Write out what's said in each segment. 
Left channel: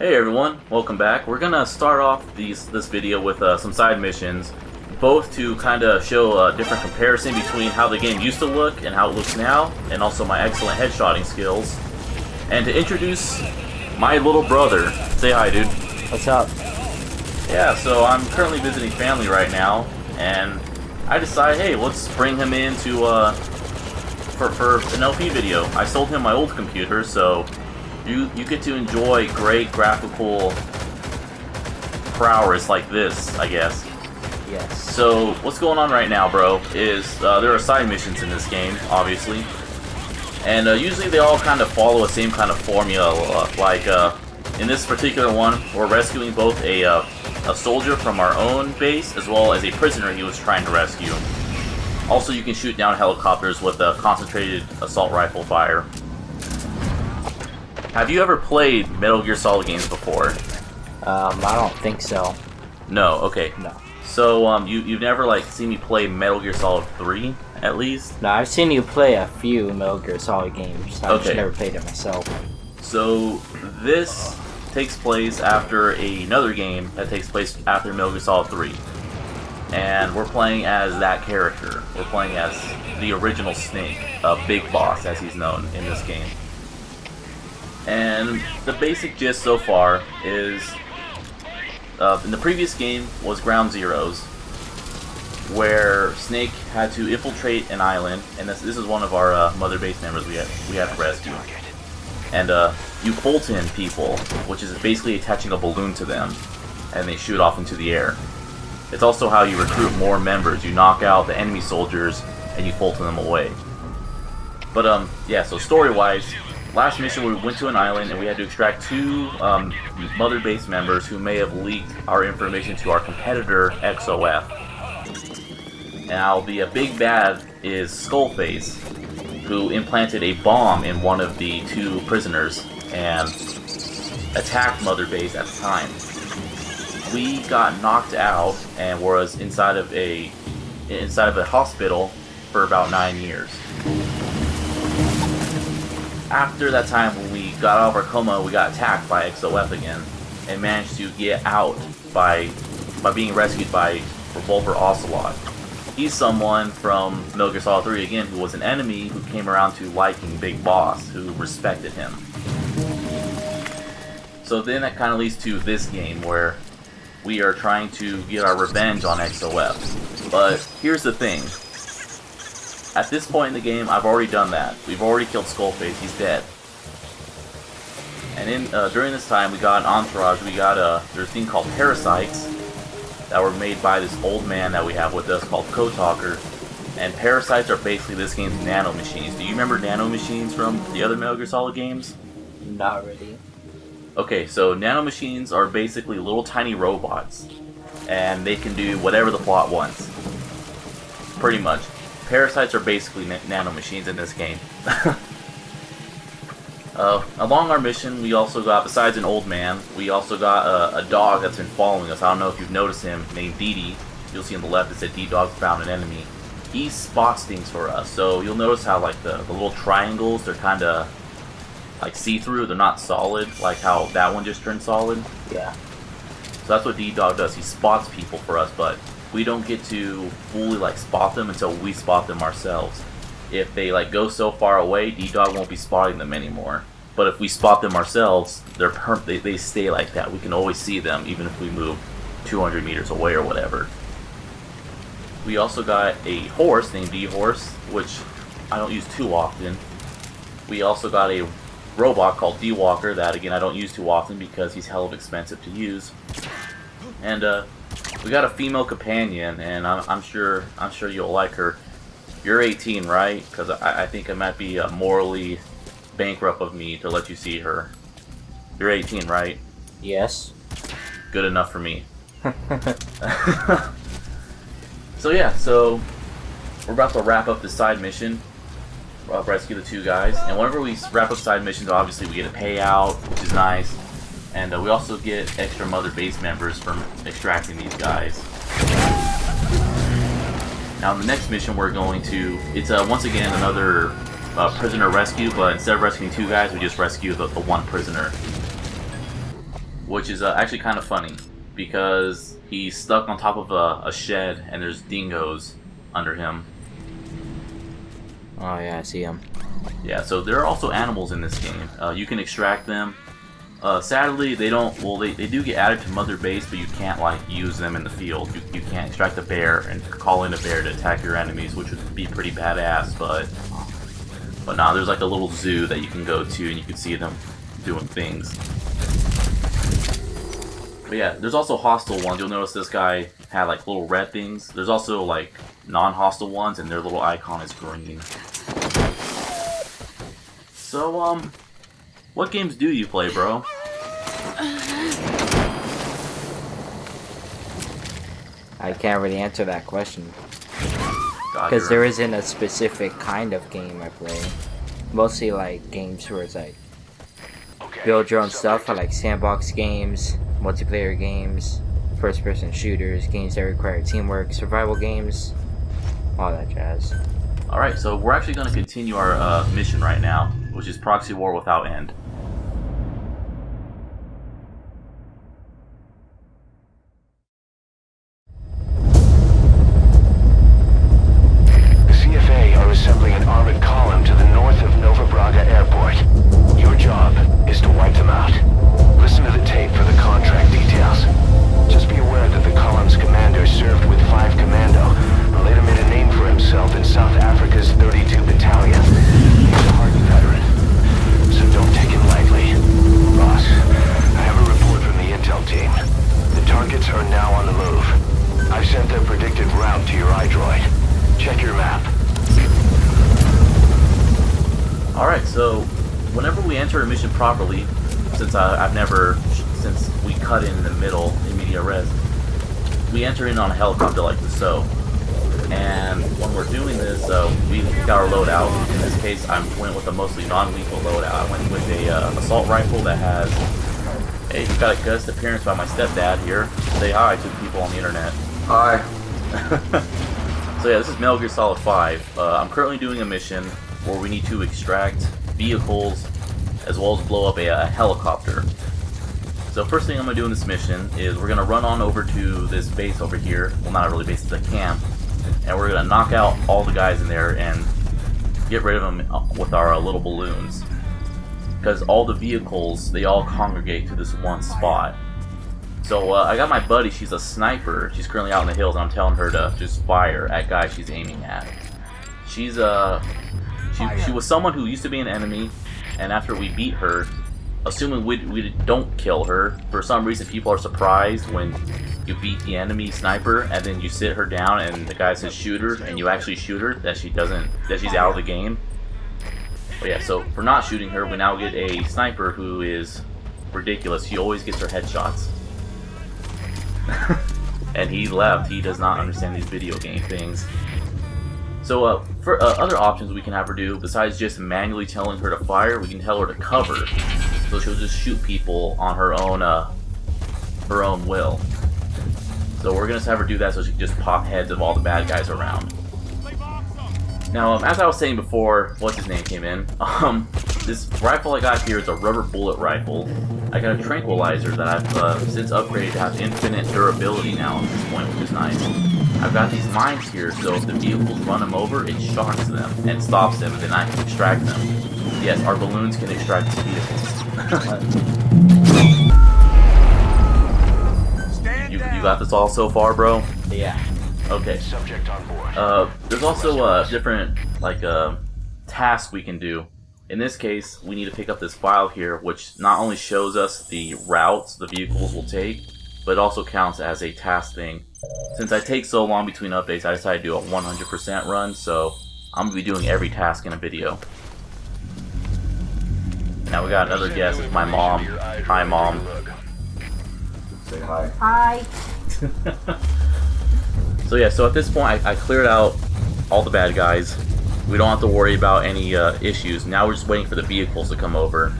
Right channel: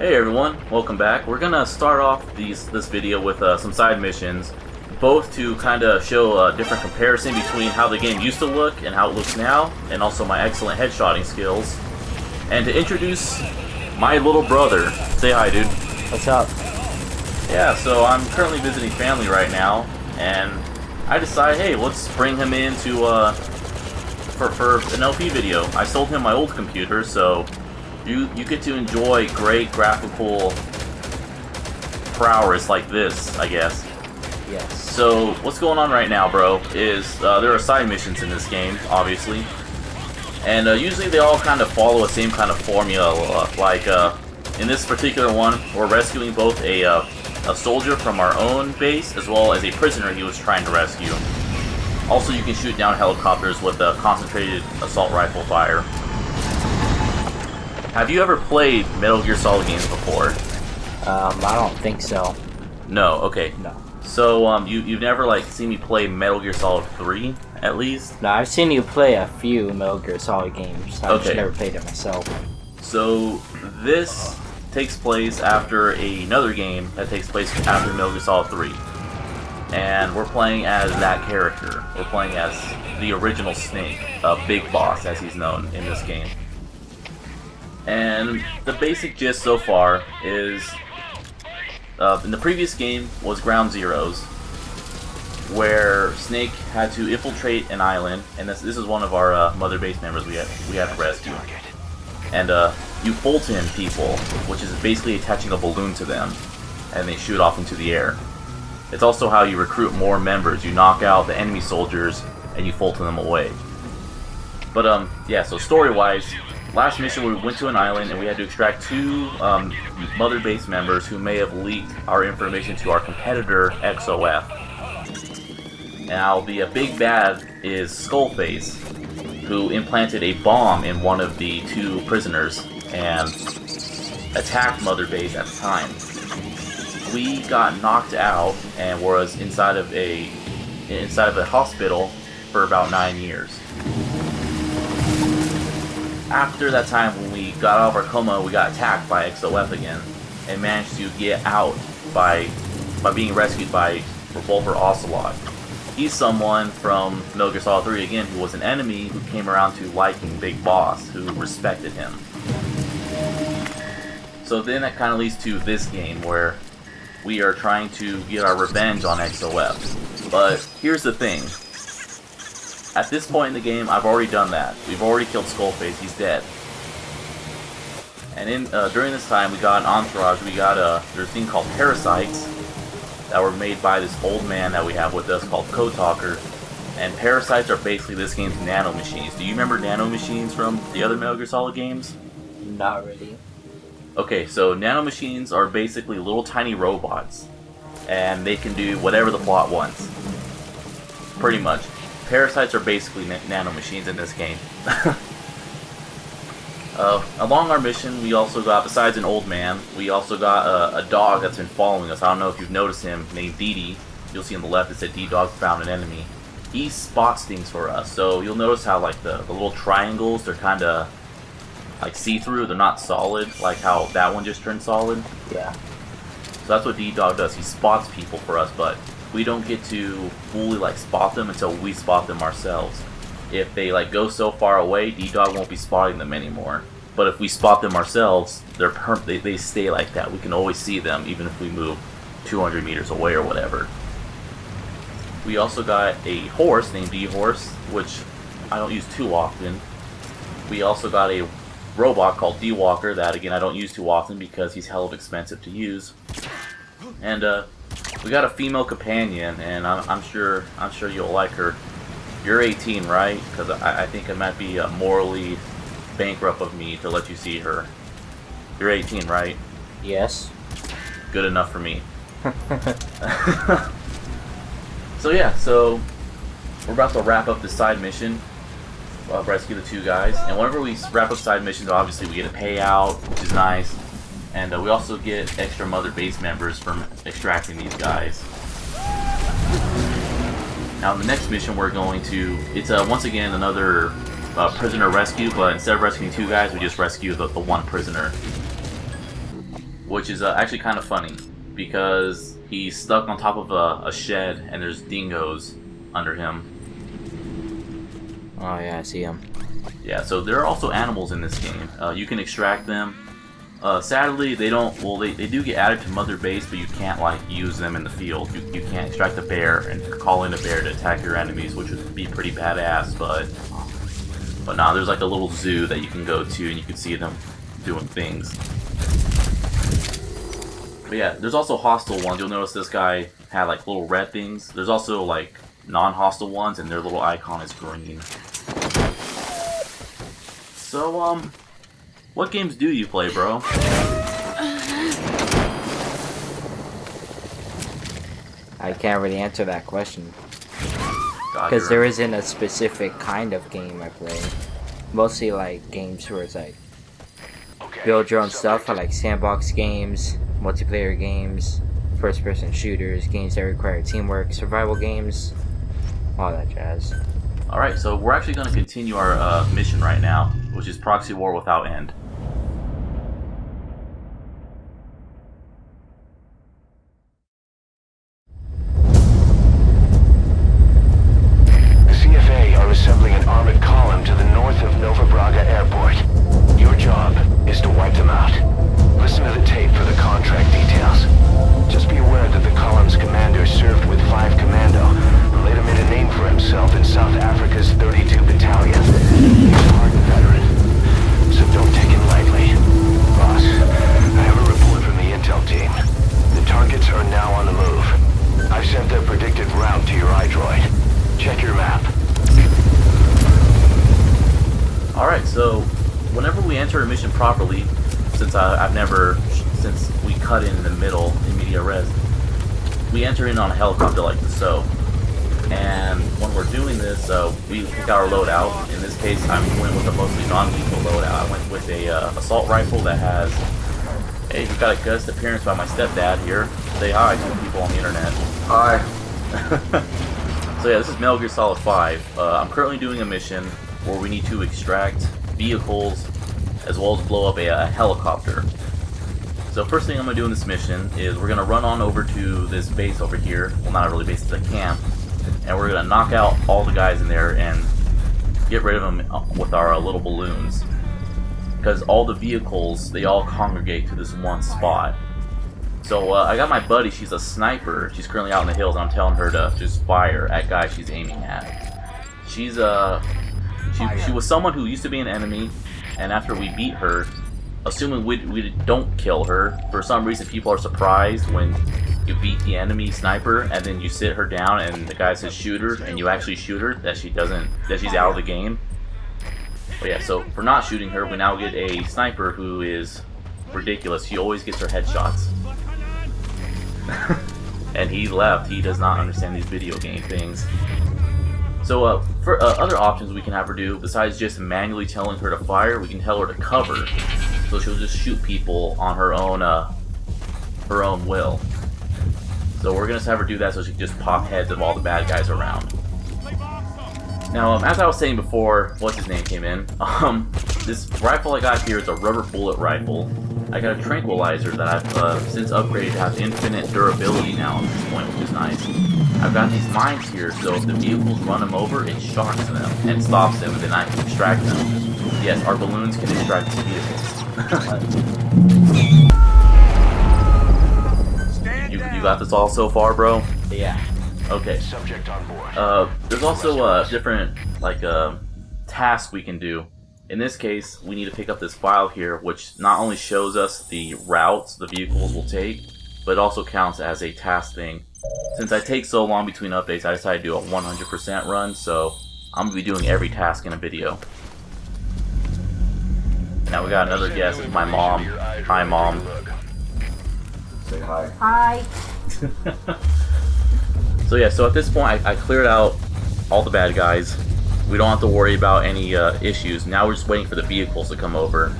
Hey everyone, welcome back. We're gonna start off this video with some side missions, both to kind of show a different comparison between how the game used to look and how it looks now, and also my excellent headshotting skills, and to introduce my little brother. Say hi, dude. What's up? Yeah, so I'm currently visiting family right now, and I decided, hey, let's bring him in to for an LP video. I sold him my old computer, so you get to enjoy great graphical prowess like this, I guess. Yes. So what's going on right now, bro, is there are side missions in this game, obviously. And usually they all kind of follow a same kind of formula. Like in this particular one, we're rescuing both a soldier from our own base as well as a prisoner he was trying to rescue. Also, you can shoot down helicopters with a concentrated assault rifle fire. Have you ever played Metal Gear Solid games before? I don't think so. No, okay. No. So, you've never, like, seen me play Metal Gear Solid 3, at least? No, I've seen you play a few Metal Gear Solid games. I've just never played it myself. So, this takes place after another game that takes place after Metal Gear Solid 3. And we're playing as that character. We're playing as the original Snake, Big Boss, as he's known in this game. And the basic gist so far is, in the previous game was Ground Zeroes, where Snake had to infiltrate an island, and this is one of our mother base members we had to rescue. And you Fulton people, which is basically attaching a balloon to them, and they shoot off into the air. It's also how you recruit more members. You knock out the enemy soldiers, and you Fulton them away. But yeah, so story-wise, last mission we went to an island and we had to extract two mother base members who may have leaked our information to our competitor XOF. Now the big bad is Skullface, who implanted a bomb in one of the two prisoners and attacked mother base at the time. We got knocked out and was inside of a hospital for about 9 years. After that time, when we got out of our coma, we got attacked by XOF again, and managed to get out by being rescued by Revolver Ocelot. He's someone from Metal Gear Solid 3 again, who was an enemy who came around to liking Big Boss, who respected him. So then that kind of leads to this game, where we are trying to get our revenge on XOF. But here's the thing. At this point in the game, I've already done that. We've already killed Skullface. He's dead. And during this time, we got an entourage. We got there's a thing called parasites that were made by this old man that we have with us called Code Talker. And parasites are basically this game's nano machines. Do you remember nano machines from the other Metal Gear Solid games? Not really. Okay, so nano machines are basically little tiny robots, and they can do whatever the plot wants. Pretty much. Parasites are basically nano machines in this game. Along our mission, we also got, besides an old man, we also got a dog that's been following us. I don't know if you've noticed him, named Dee. You'll see on the left it said D-Dog found an enemy. He spots things for us, so you'll notice how like the little triangles, they're kind of like see-through, they're not solid, like how that one just turned solid. Yeah. So that's what D-Dog does, he spots people for us, but we don't get to fully like spot them until we spot them ourselves. If they like go so far away, D-Dog won't be spotting them anymore. But if we spot them ourselves, they stay like that. We can always see them even if we move 200 meters away or whatever. We also got a horse named D-Horse, which I don't use too often. We also got a robot called D-Walker that again I don't use too often because he's hell of expensive to use. And we got a female companion, and I'm sure you'll like her. You're 18, right? Because I think it might be morally bankrupt of me to let you see her. You're 18, right? Yes. Good enough for me. So yeah, so we're about to wrap up this side mission. Rescue the two guys, and whenever we wrap up side missions, obviously we get a payout, which is nice. And we also get extra mother base members from extracting these guys. Now, in the next mission, we're going to... It's once again another prisoner rescue, but instead of rescuing two guys, we just rescue the one prisoner. which is actually kind of funny because he's stuck on top of a shed and there's dingoes under him. Oh yeah, I see him. Yeah, so there are also animals in this game. You can extract them. Sadly, they don't. Well, they do get added to Mother Base, but you can't like use them in the field. You can't extract a bear and call in a bear to attack your enemies, which would be pretty badass. But nah, there's like a little zoo that you can go to, and you can see them doing things. But yeah, there's also hostile ones. You'll notice this guy had like little red things. There's also like non-hostile ones, and their little icon is green. So what games do you play, bro? I can't really answer that question. God, Because there isn't a specific kind of game I play. Mostly like games where it's like build your own stuff. I like sandbox games, multiplayer games, first person shooters, games that require teamwork, survival games, all that jazz. Alright, so we're actually going to continue our mission right now, which is Proxy War Without End. The CFA are assembling an armored column to the north of Nova Braga Airport. Your job is to wipe them out. Listen to the tape for the contract details. Just be aware that the column's commander served with 5 Commando and later made a name for himself in South Africa's 32 Battalion. He's a hardened veteran, so don't take him lightly. Boss, I have a report from the intel team. The targets are now on the move. I've sent their predicted route to your iDroid. Check your map. Alright, so whenever we enter a mission properly, since since we cut in the middle in media res, we enter in on a helicopter like so. And when we're doing this, we pick our loadout. In this case, I went with a mostly non-lethal loadout. I went with a assault rifle that has, hey, we've got a guest appearance by my stepdad here. Say hi to people on the internet. Hi. So yeah, this is Metal Gear Solid 5. I'm currently doing a mission where we need to extract vehicles as well as blow up a helicopter. So first thing I'm going to do in this mission is we're going to run on over to this base over here. Well, not really base, it's a camp. And we're going to knock out all the guys in there and get rid of them with our little balloons. Because all the vehicles, they all congregate to this one spot. So I got my buddy, she's a sniper. She's currently out in the hills, and I'm telling her to just fire at guys she's aiming at. She's she was someone who used to be an enemy, and after we beat her, assuming we don't kill her, for some reason people are surprised when you beat the enemy sniper and then you sit her down and the guy says shoot her and you actually shoot her, that she's out of the game. But yeah, so for not shooting her, we now get a sniper who is ridiculous. She always gets her headshots. And he left. He does not understand these video game things. So for other options we can have her do, besides just manually telling her to fire, we can tell her to cover. So she'll just shoot people on her own will. So we're gonna have her do that so she can just pop heads of all the bad guys around. Now, as I was saying before, what's his name came in. This rifle I got here is a rubber bullet rifle. I got a tranquilizer that I've since upgraded to have infinite durability now at this point, which is nice. I've got these mines here, so if the vehicles run them over, it shocks them and stops them, and then I can extract them. Yes, our balloons can extract vehicles. You got this all so far, bro? Yeah. Okay. Subject on board. There's also different tasks we can do. In this case, we need to pick up this file here, which not only shows us the routes the vehicles will take, but it also counts as a task thing. Since I take so long between updates, I decided to do a 100% run, so I'm going to be doing every task in a video. Now we got another guest, it's my mom. Hi, Mom. Say hi. Hi. So yeah, so at this point, I cleared out all the bad guys. We don't have to worry about any issues. Now we're just waiting for the vehicles to come over.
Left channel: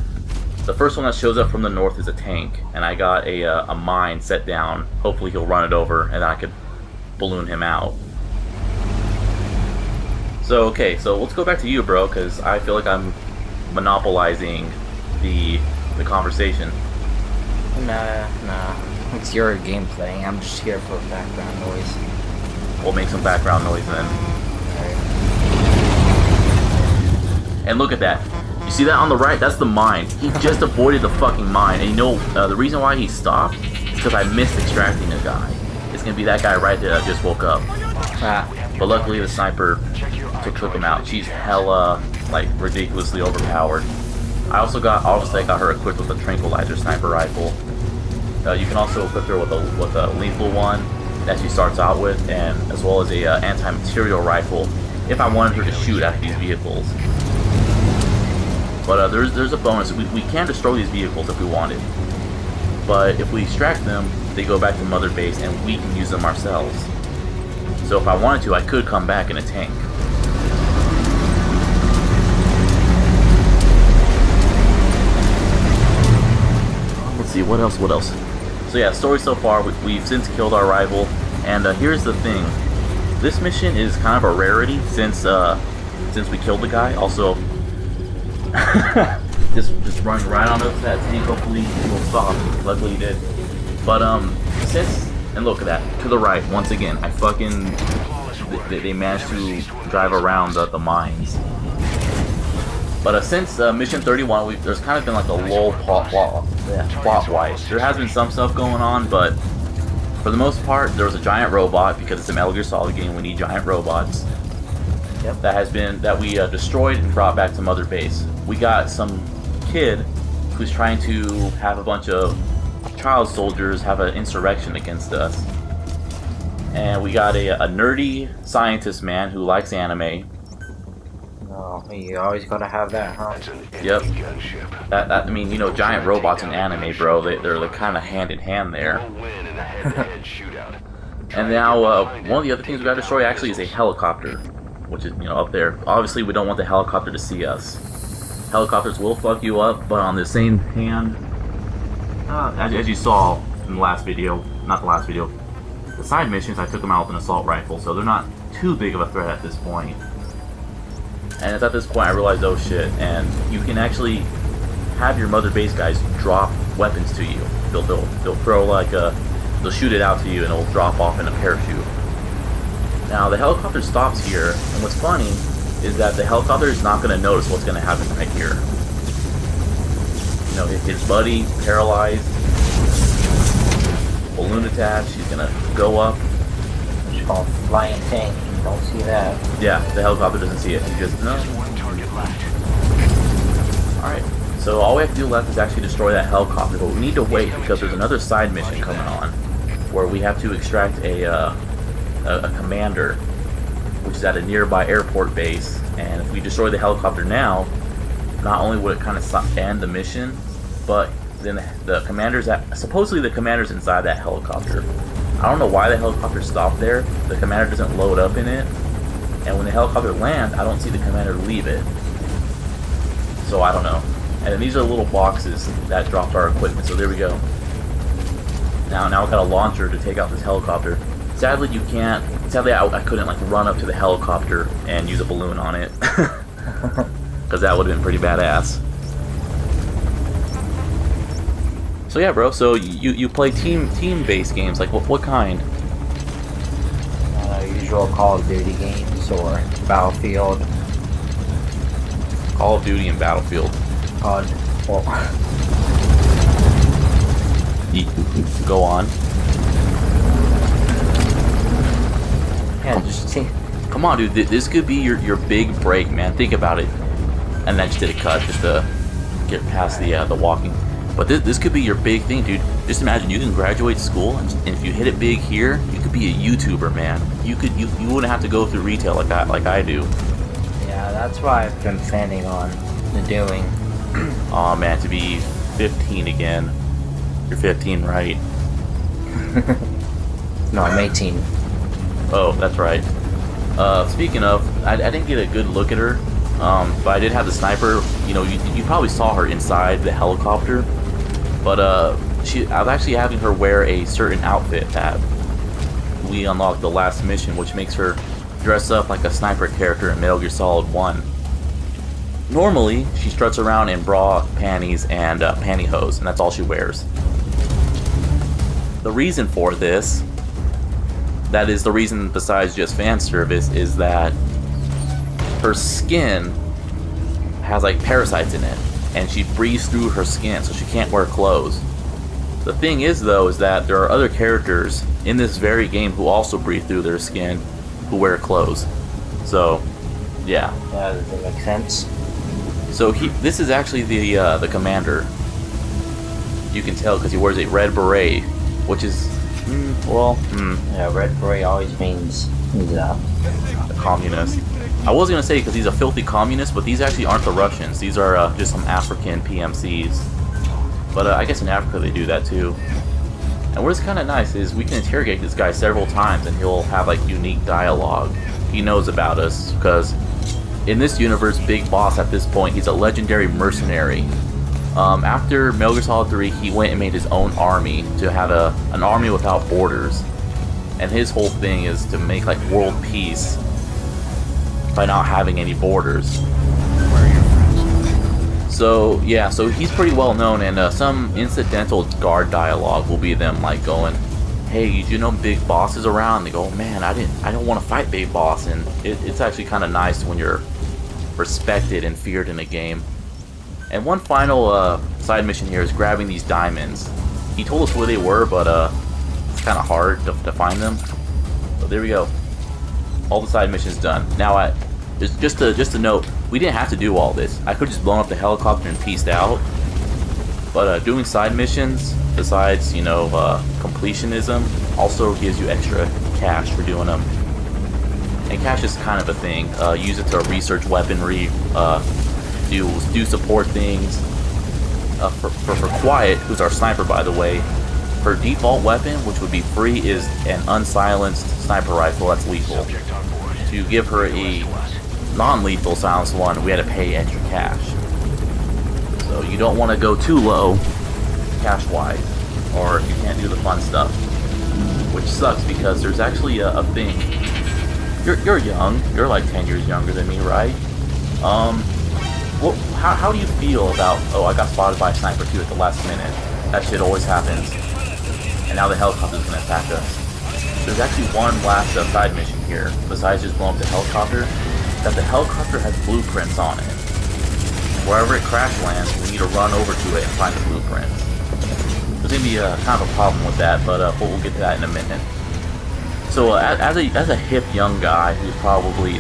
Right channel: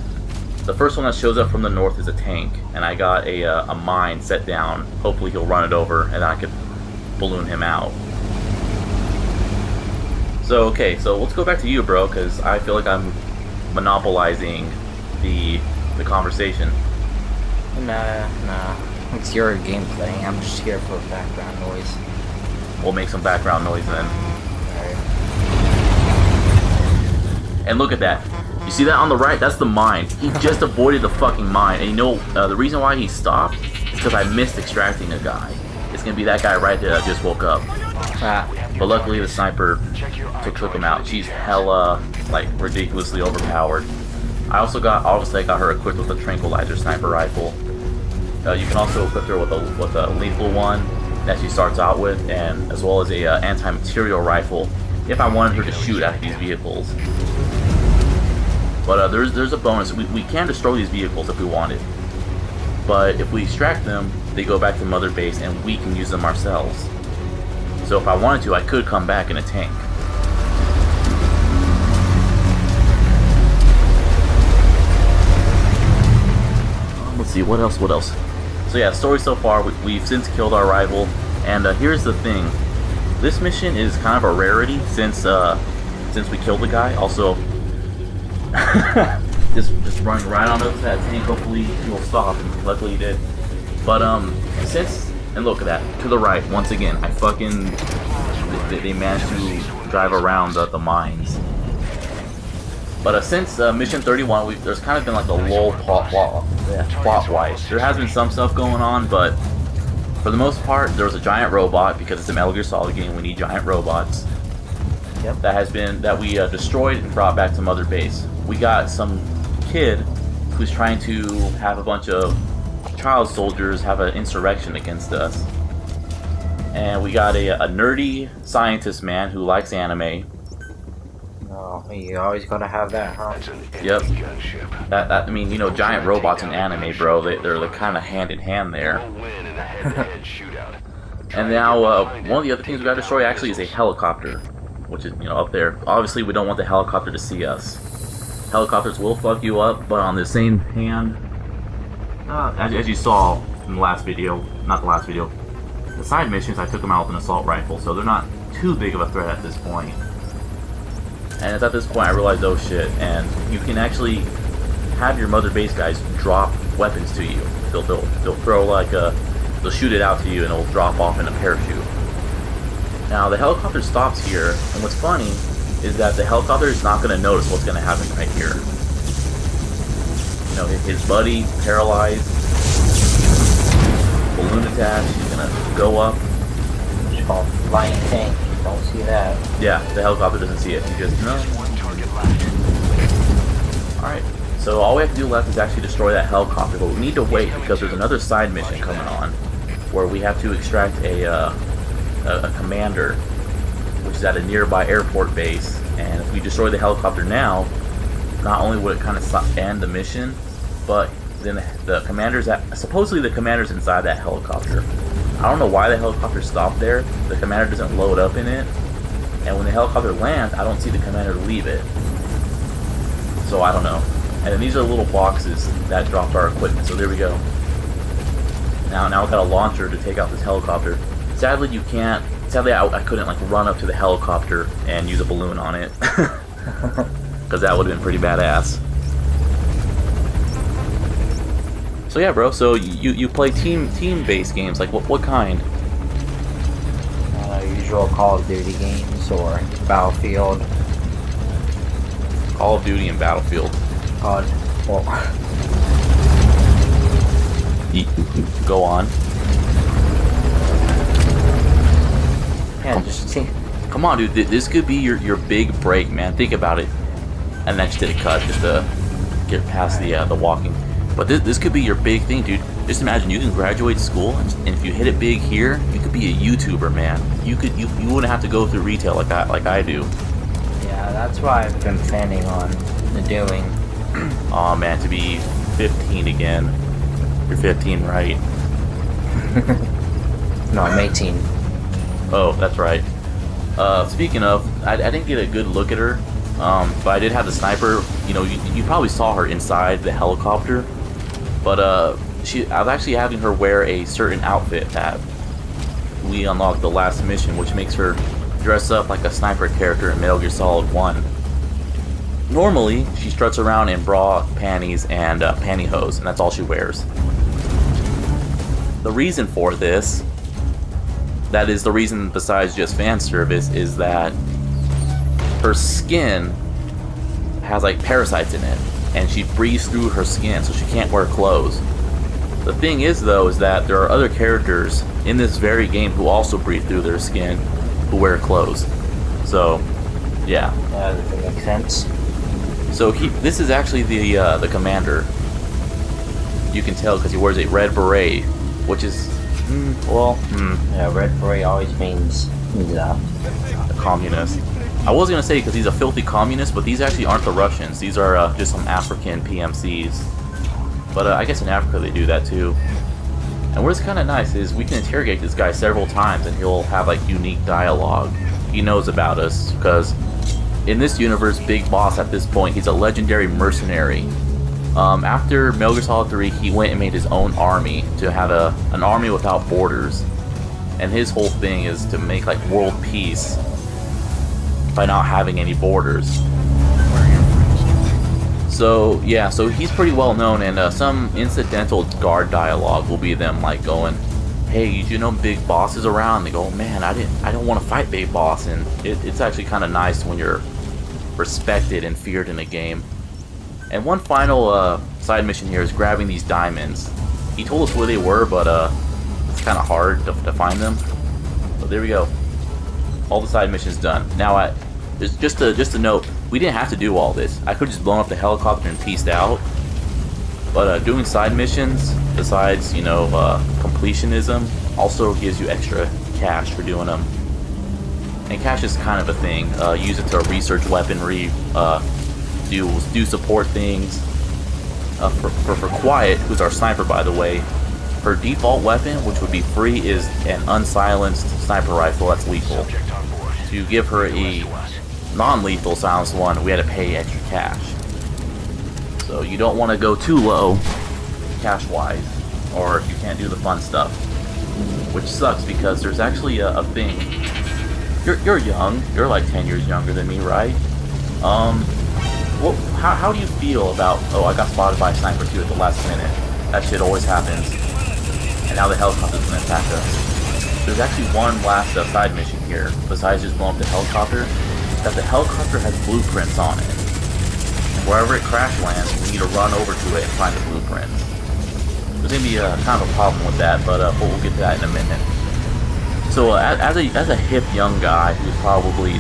The first one that shows up from the north is a tank, and I got a mine set down. Hopefully he'll run it over, and then I could balloon him out. So okay, so let's go back to you, bro, because I feel like I'm monopolizing the conversation. Nah. It's your gameplay. I'm just here for background noise. We'll make some background noise then. Alright. And look at that. You see that on the right? That's the mine. He just avoided the fucking mine. And you know, the reason why he stopped is because I missed extracting a guy. It's gonna be that guy right there that just woke up. But luckily the sniper took him out. She's hella, like, ridiculously overpowered. Obviously I got her equipped with a tranquilizer sniper rifle. You can also equip her with a lethal one that she starts out with, and as well as a anti-material rifle if I wanted her to shoot at these vehicles. But there's a bonus. We can destroy these vehicles if we wanted, but if we extract them, they go back to Mother Base and we can use them ourselves. So if I wanted to, I could come back in a tank. Let's see, what else? So yeah, story so far, we've since killed our rival, and here's the thing. This mission is kind of a rarity since we killed the guy. Also, just running right onto that tank, hopefully he will stop. Luckily he did. But and look at that, to the right, once again, they managed to drive around the mines. But since Mission 31, there's kind of been like a lull plot-wise. There has been some stuff going on, but for the most part, there was a giant robot, because it's a Metal Gear Solid game, we need giant robots. Yep. That we destroyed and brought back to Mother Base. We got some kid who's trying to have a bunch of child soldiers have an insurrection against us. And we got a nerdy scientist man who likes anime. Oh, you always gotta have that, huh? Yep. I mean, you know, giant robots in anime, bro. They're kind of hand in hand there. And now, one of the other things we gotta destroy actually is a helicopter, which is, you know, up there. Obviously, we don't want the helicopter to see us. Helicopters will fuck you up, but on the same hand, as you saw in the last video, not the last video, the side missions, I took them out with an assault rifle, so they're not too big of a threat at this point. And it's at this point I realized, oh shit, and you can actually have your Mother Base guys drop weapons to you. They'll throw like they'll shoot it out to you and it'll drop off in a parachute. Now the helicopter stops here, and what's funny is that the helicopter is not going to notice what's going to happen right here. You know, his buddy, paralyzed, balloon attached, he's going to go up. It's called flying tank. You don't see that. Yeah, the helicopter doesn't see it. He just, no. Alright, so all we have to do left is actually destroy that helicopter, but we need to wait because there's another side mission coming on where we have to extract a commander, which is at a nearby airport base, and if we destroy the helicopter now, not only would it kind of end the mission, but then supposedly the commander's inside that helicopter. I don't know why the helicopter stopped there. The commander doesn't load up in it, and when the helicopter lands, I don't see the commander leave it. So I don't know. And then these are little boxes that dropped our equipment. So there we go. Now I've got a launcher to take out this helicopter. Sadly, you can't. Sadly, I couldn't like run up to the helicopter and use a balloon on it, because that would have been pretty badass. So yeah, bro. So you play team-based games, like what kind? Usual Call of Duty games or Battlefield. Call of Duty and Battlefield. Go on. Yeah, just see. Come on, dude. This could be your big break, man. Think about it. And I just did a cut just to get past the walking. But this could be your big thing, dude. Just imagine you can graduate school, and if you hit it big here, you could be a YouTuber, man. You wouldn't have to go through retail like I do. Yeah, that's what I've been planning on doing. Aw, man, to be 15 again. You're 15, right? No, I'm 18. Oh, that's right. Speaking of, I didn't get a good look at her, but I did have the sniper. You know, you probably saw her inside the helicopter, but I was actually having her wear a certain outfit that we unlocked the last mission, which makes her dress up like a sniper character in Metal Gear Solid 1. Normally, she struts around in bra, panties, and pantyhose, and that's all she wears. the reason for this, that is the reason besides just fan service, is that her skin has like parasites in it, and she breathes through her skin, so she can't wear clothes. The thing is, though, is that there are other characters in this very game who also breathe through their skin, who wear clothes. So, yeah. Does that make sense? So this is actually the commander. You can tell because he wears a red beret, which is, Yeah, red beret always means he's a communist. I was gonna say because he's a filthy communist, but these actually aren't the Russians. These are just some African PMCs. But I guess in Africa they do that too. And what's kind of nice is we can interrogate this guy several times, and he'll have like unique dialogue. He knows about us because in this universe, Big Boss at this point, he's a legendary mercenary. After Metal Gear Solid 3, he went and made his own army to have an army without borders. And his whole thing is to make like world peace by not having any borders. Where are your friends? So yeah, so he's pretty well known, and some incidental guard dialogue will be them like going, "Hey, did you know Big Boss is around?" They go, "Oh, man, I don't want to fight Big Boss," and it's actually kind of nice when you're respected and feared in a game. And one final side mission here is grabbing these diamonds. He told us where they were, but it's kind of hard to find them. So there we go. All the side missions done. Now, just a note, we didn't have to do all this. I could have just blown up the helicopter and pieced out. But doing side missions, besides, completionism, also gives you extra cash for doing them. And cash is kind of a thing. Use it to research weaponry, do support things. For Quiet, who's our sniper by the way, her default weapon, which would be free, is an unsilenced sniper rifle that's lethal. To give her a non-lethal silenced one, we had to pay extra cash. So you don't want to go too low cash-wise, or you can't do the fun stuff. Which sucks because there's actually a thing. You're young. You're like 10 years younger than me, right? How do you feel about, I got spotted by a sniper too at the last minute. That shit always happens. And now the helicopter's gonna attack us. There's actually one last side mission here, besides just blowing up the helicopter, that the helicopter has blueprints on it. And wherever it crash lands, we need to run over to it and find the blueprints. There's gonna be kind of a problem with that, but we'll get to that in a minute. So as a hip young guy who's probably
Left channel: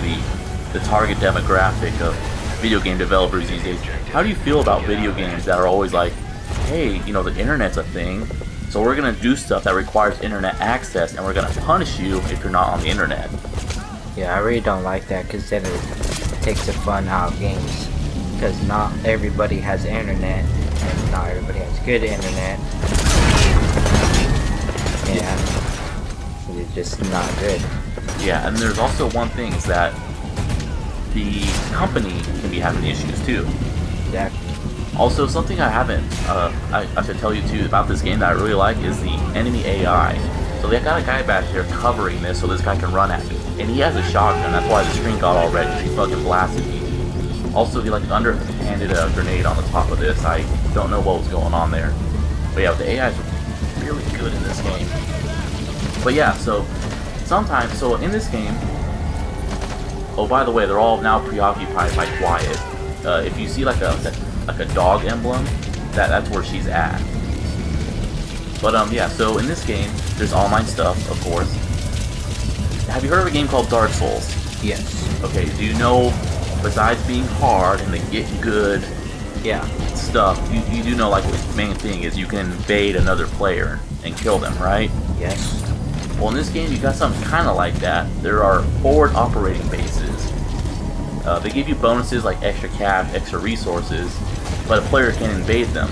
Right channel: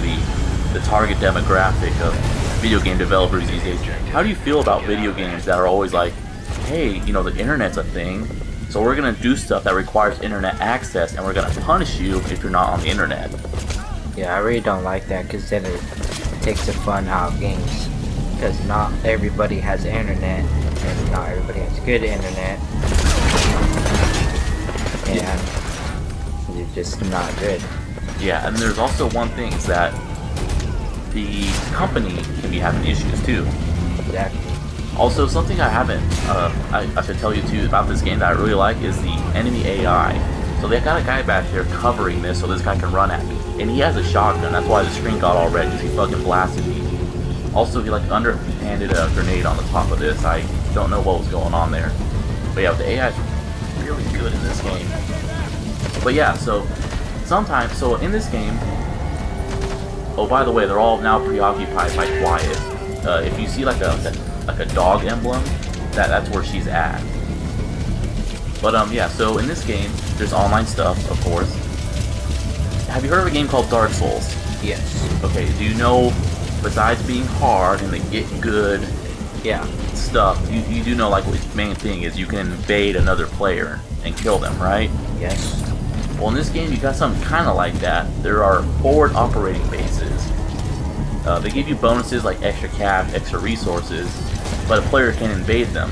the target demographic of video game developers these days, how do you feel about video games that are always like, hey, the internet's a thing, so we're gonna do stuff that requires internet access, and we're gonna punish you if you're not on the internet? Yeah, I really don't like that, because then it takes the fun out of games. Because not everybody has internet, and not everybody has good internet. And it's just not good. Yeah, and there's also one thing, is that the company can be having issues too. Exactly. Also, something I haven't, I should tell you too about this game that I really like is the enemy AI. So they got a guy back here covering this so this guy can run at me. And he has a shotgun, that's why the screen got all red, because he fucking blasted me. Also, he like underhanded a grenade on the top of this. I don't know what was going on there. But yeah, the AI is really good in this game. But yeah, so in this game, oh, by the way, they're all now preoccupied by Quiet. If you see like a dog emblem, that's where she's at. But yeah, so in this game, there's online stuff, of course. Have you heard of a game called Dark Souls? Yes. Okay, do you know, besides being hard and the get good stuff, you do know like what the main thing is you can invade another player and kill them, right? Yes. Well, in this game, you got something kind of like that. There are forward operating bases. They give you bonuses like extra cash, extra resources, but a player can invade them,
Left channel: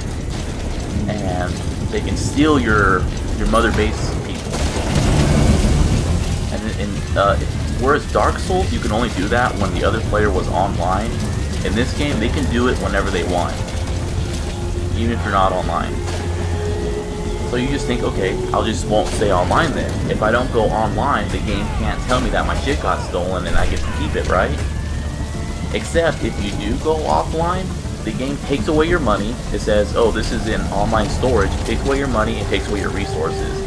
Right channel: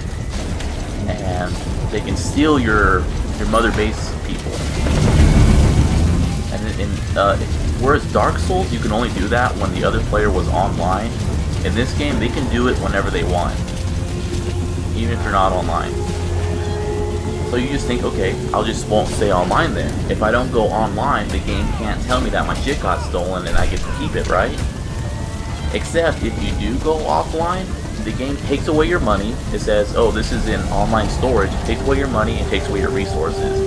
and they can steal your mother base people. And whereas Dark Souls, you can only do that when the other player was online. In this game, they can do it whenever they want, even if you're not online. So you just think, okay, I'll just won't stay online then. If I don't go online, the game can't tell me that my shit got stolen and I get to keep it, right? Except if you do go offline, the game takes away your money. It says, oh, this is in online storage. It takes away your money and takes away your resources.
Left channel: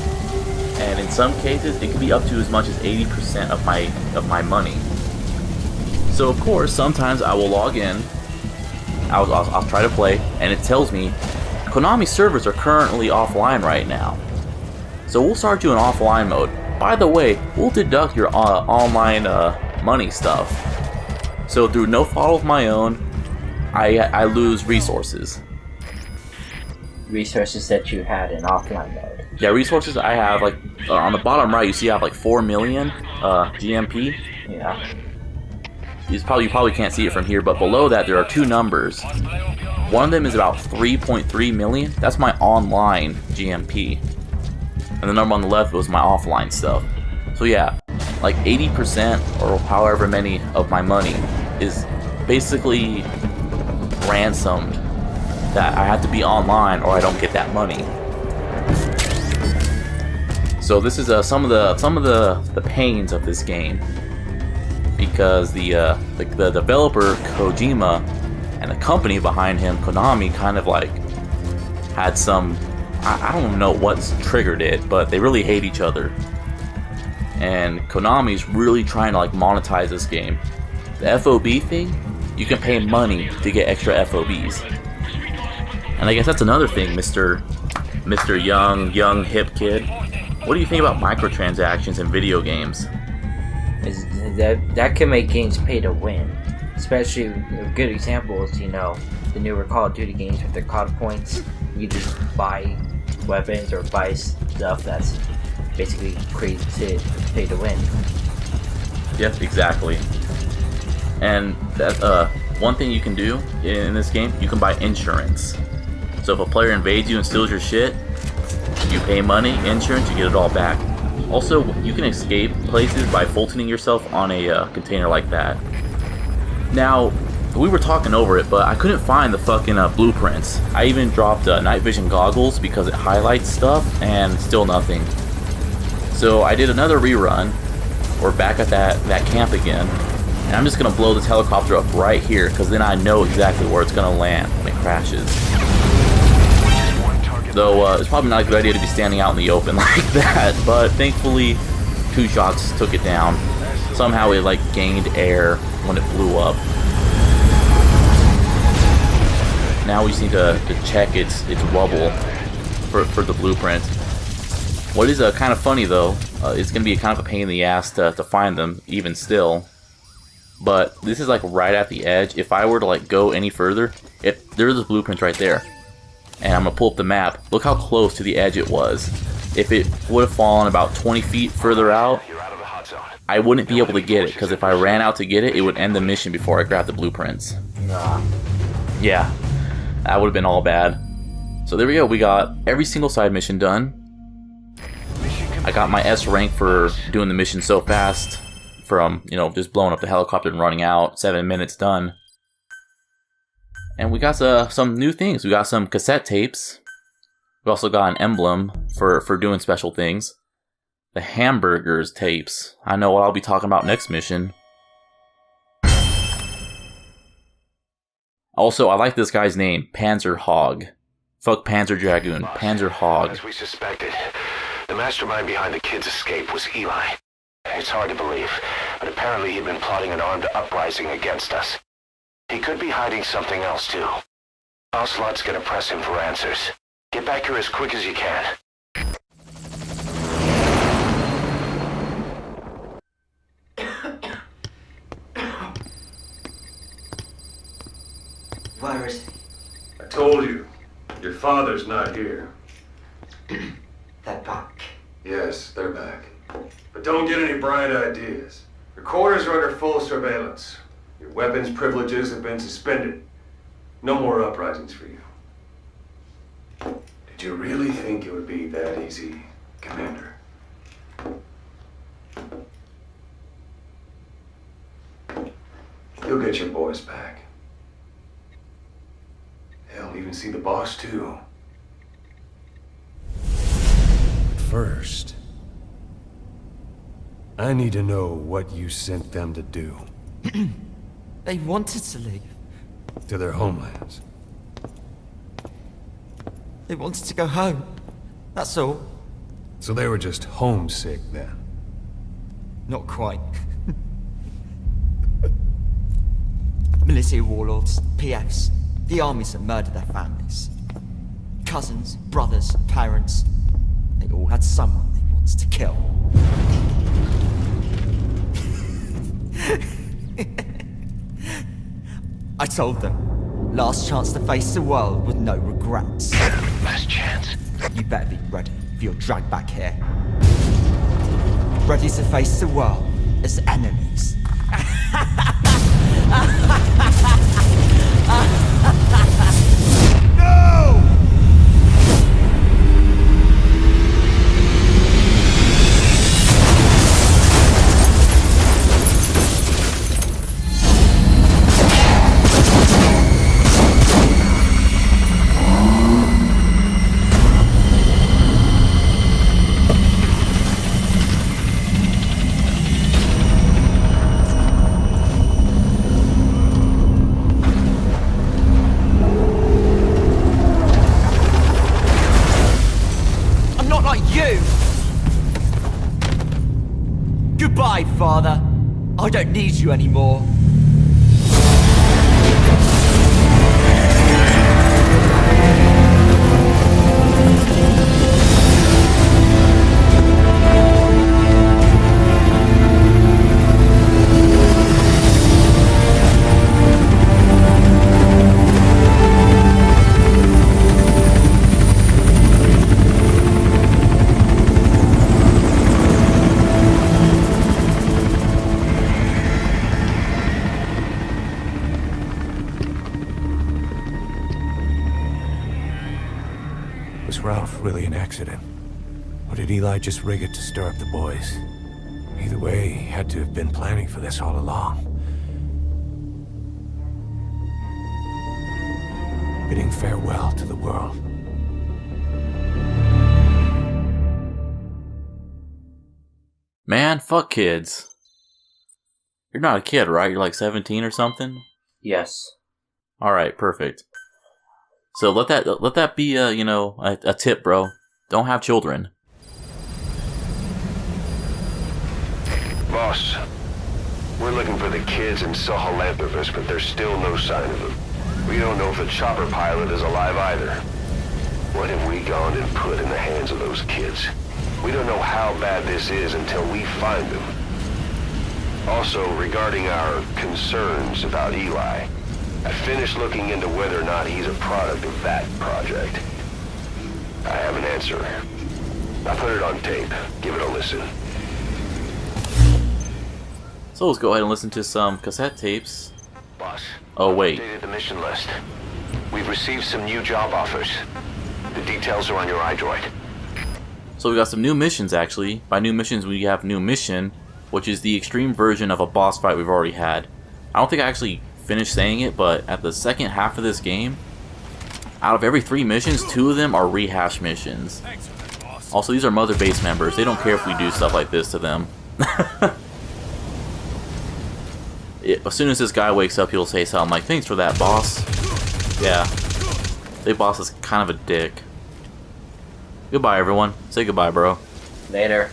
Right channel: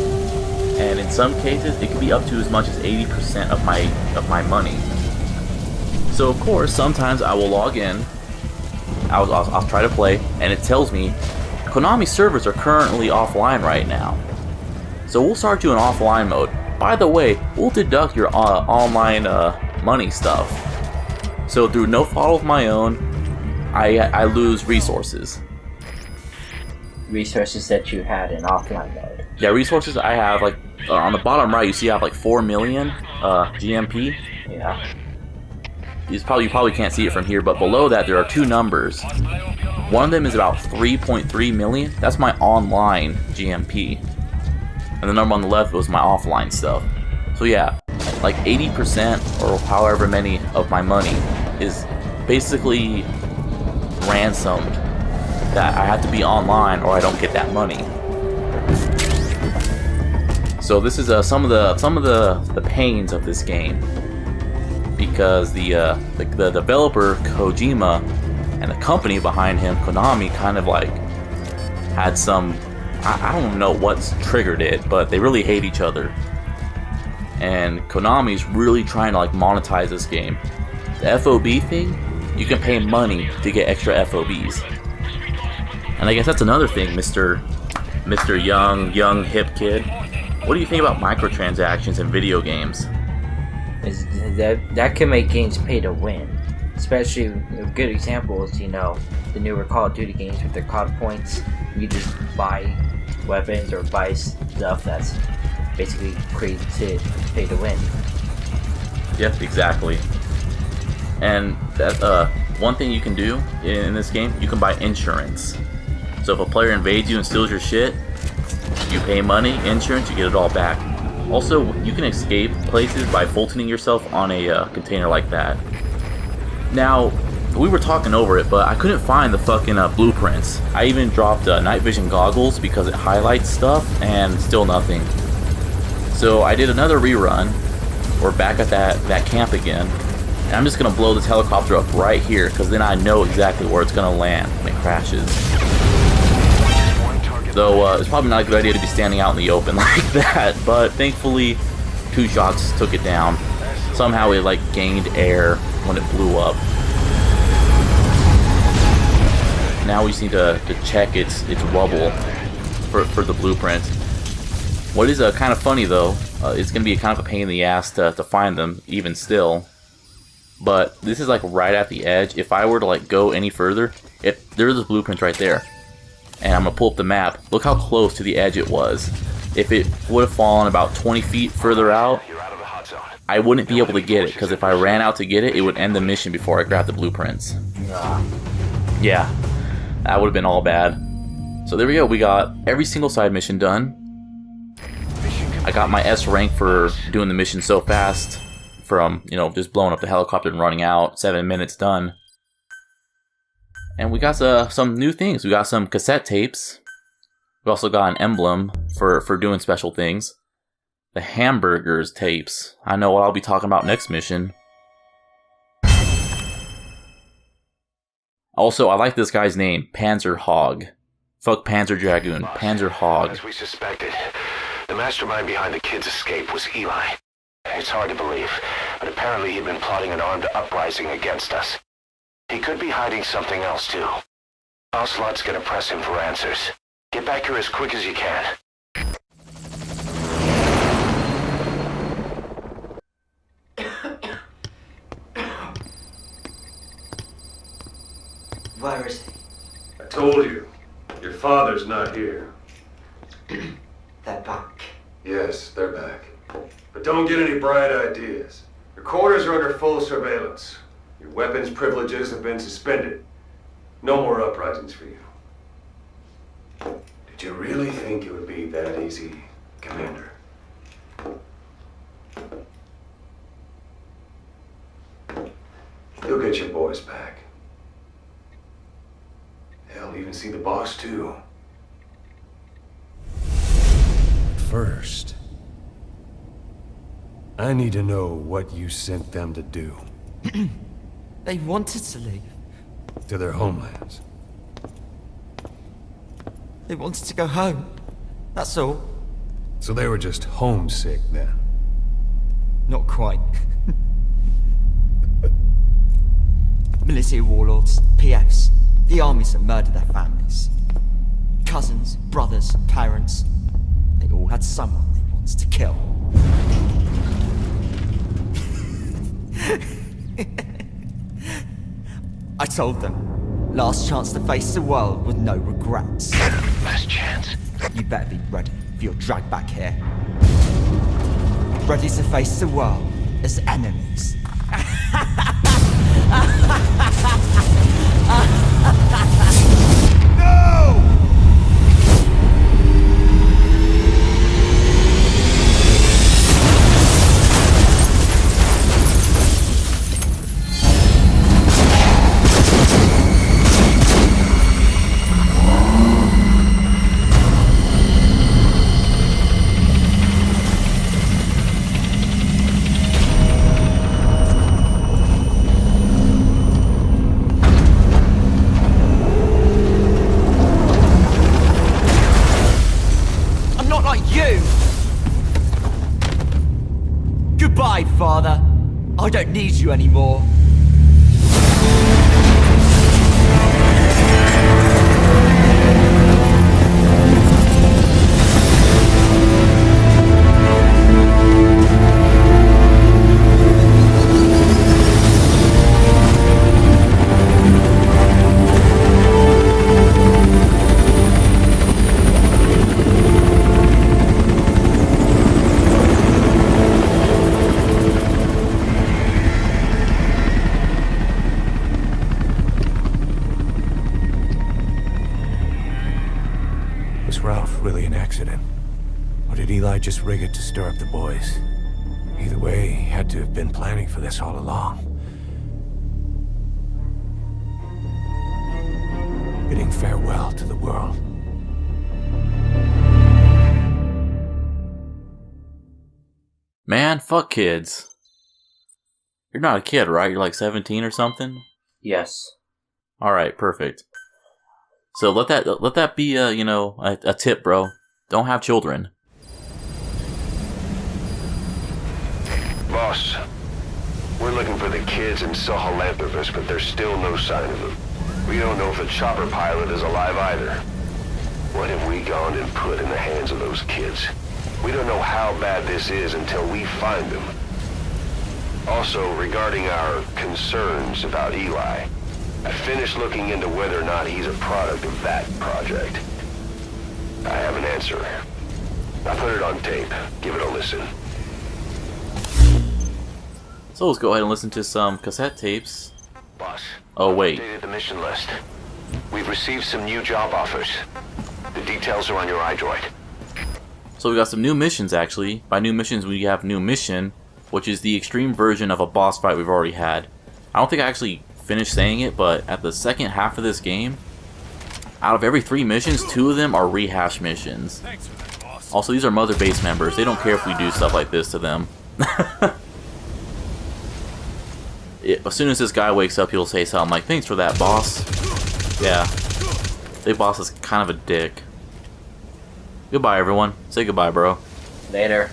and in some cases it can be up to as much as 80% of my money. So of course, sometimes I will log in, I'll try to play, and it tells me Konami servers are currently offline right now. So we'll start you in offline mode. By the way, we'll deduct your online money stuff. So through no fault of my own, I lose resources. Resources that you had in offline mode. Yeah, resources I have, like, on the bottom right, you see I have like 4 million GMP. Yeah. You probably can't see it from here, but below that there are two numbers. One of them is about 3.3 million. That's my online GMP. And the number on the left was my offline stuff. So yeah, like 80% or however many of my money is basically ransomed, that I have to be online or I don't get that money. So this is some of the pains of this game, because the developer Kojima and the company behind him, Konami, kind of like had some, I don't know what's triggered it, but they really hate each other. And Konami's really trying to like monetize this game. The FOB thing, you can pay money to get extra FOBs. And I guess that's another thing, Mr. Young hip kid. What do you think about microtransactions in video games? Is that can make games pay to win. Especially a good example is, the newer Call of Duty games with their COD points. You just buy weapons or buy stuff that's basically created to pay to win. Yep, exactly. And that one thing you can do in this game, you can buy insurance. So if a player invades you and steals your shit, you pay money, insurance, you get it all back. Also, you can escape places by Fultoning yourself on a container like that. Now, we were talking over it, but I couldn't find the fucking blueprints. I even dropped night vision goggles because it highlights stuff, and still nothing. So I did another rerun. We're back at that camp again, and I'm just gonna blow this helicopter up right here, because then I know exactly where it's gonna land when it crashes. Though it's probably not a good idea to be standing out in the open like that, but thankfully 2 shots took it down. Somehow it like gained air when it blew up. Now we just need to check its wobble for the blueprint. What is kind of funny though, it's going to be kind of a pain in the ass to find them even still. But this is like right at the edge. If I were to like go any further, there's this blueprint right there. And I'm going to pull up the map. Look how close to the edge it was. If it would have fallen about 20 feet further out, I wouldn't be able to get it, because if I ran out to get it, it would end the mission before I grabbed the blueprints. Nah. Yeah, that would have been all bad. So there we go, we got every single side mission done. I got my S rank for doing the mission so fast, from, just blowing up the helicopter and running out. 7 minutes done. And we got some new things. We got some cassette tapes. We also got an emblem for doing special things. The hamburgers tapes. I know what I'll be talking about next mission. Also, I like this guy's name, Panzer Hog. Fuck Panzer Dragoon, Panzer Hog. As we suspected, the mastermind behind the kid's escape was Eli. It's hard to believe, but apparently he'd been plotting an armed uprising against us. He could be hiding something else too. Ocelot's gonna press him for answers. Get back here as quick as you can. Where is I told you, your father's not here. that back? Yes, they're back. But don't get any bright ideas. Your quarters are under full surveillance. Your weapons privileges have been suspended. No more uprisings for you. Did you really think it would be that easy, Commander? You'll get your boys back. Hell, even see the boss too. But first, I need to know what you sent them to do. They wanted to leave. To their homelands. They wanted to go home. That's all. So they were just homesick then. Not quite. Military warlords, PFs, the armies that murdered their families. Cousins, brothers, parents. They all had someone they wanted to kill. I told them, last chance to face the world with no regrets. Last chance. You better be ready for your drag back here. Ready to face the world as enemies. No! I'm not like you! Goodbye, Father. I don't need you anymore. Was Ralph really an accident? Or did Eli just rig it to stir up the boys? Either way, he had to have been planning for this all along. Bidding farewell to the world. Man, fuck kids. You're not a kid, right? You're like 17 or something? Yes. Alright, perfect. So let that be a tip, bro. Don't have children. Boss, we're looking for the kids in Sahelanthropus, but there's still no sign of them. We don't know if the chopper pilot is alive either. What have we gone and put in the hands of those kids? We don't know how bad this is until we find them. Also, regarding our concerns about Eli, I finished looking into whether or not he's a product of that project. I have an answer. I put it on tape. Give it a listen. So let's go ahead and listen to some cassette tapes. Boss. Oh, wait. Updated the mission list. We've received some new job offers. The details are on your iDroid. So we got some new missions, actually. By new missions, we have new mission, which is the extreme version of a boss fight we've already had. I don't think I actually finished saying it, but at the second half of this game, out of every 3 missions, 2 of them are rehash missions. Also, these are Mother Base members. They don't care if we do stuff like this to them. As soon as this guy wakes up, he'll say something like, "Thanks for that, boss." Yeah. Big boss is kind of a dick. Goodbye, everyone. Say goodbye, bro. Later.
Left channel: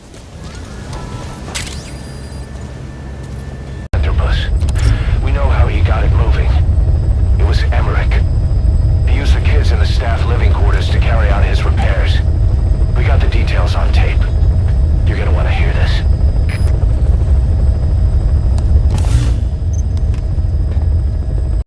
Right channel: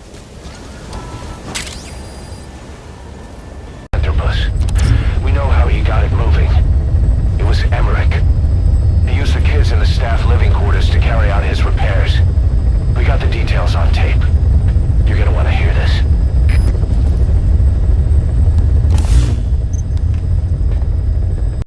We know how he got it moving. It was Emmerich. He used the kids in the staff living quarters to carry out his repairs. We got the details on tape.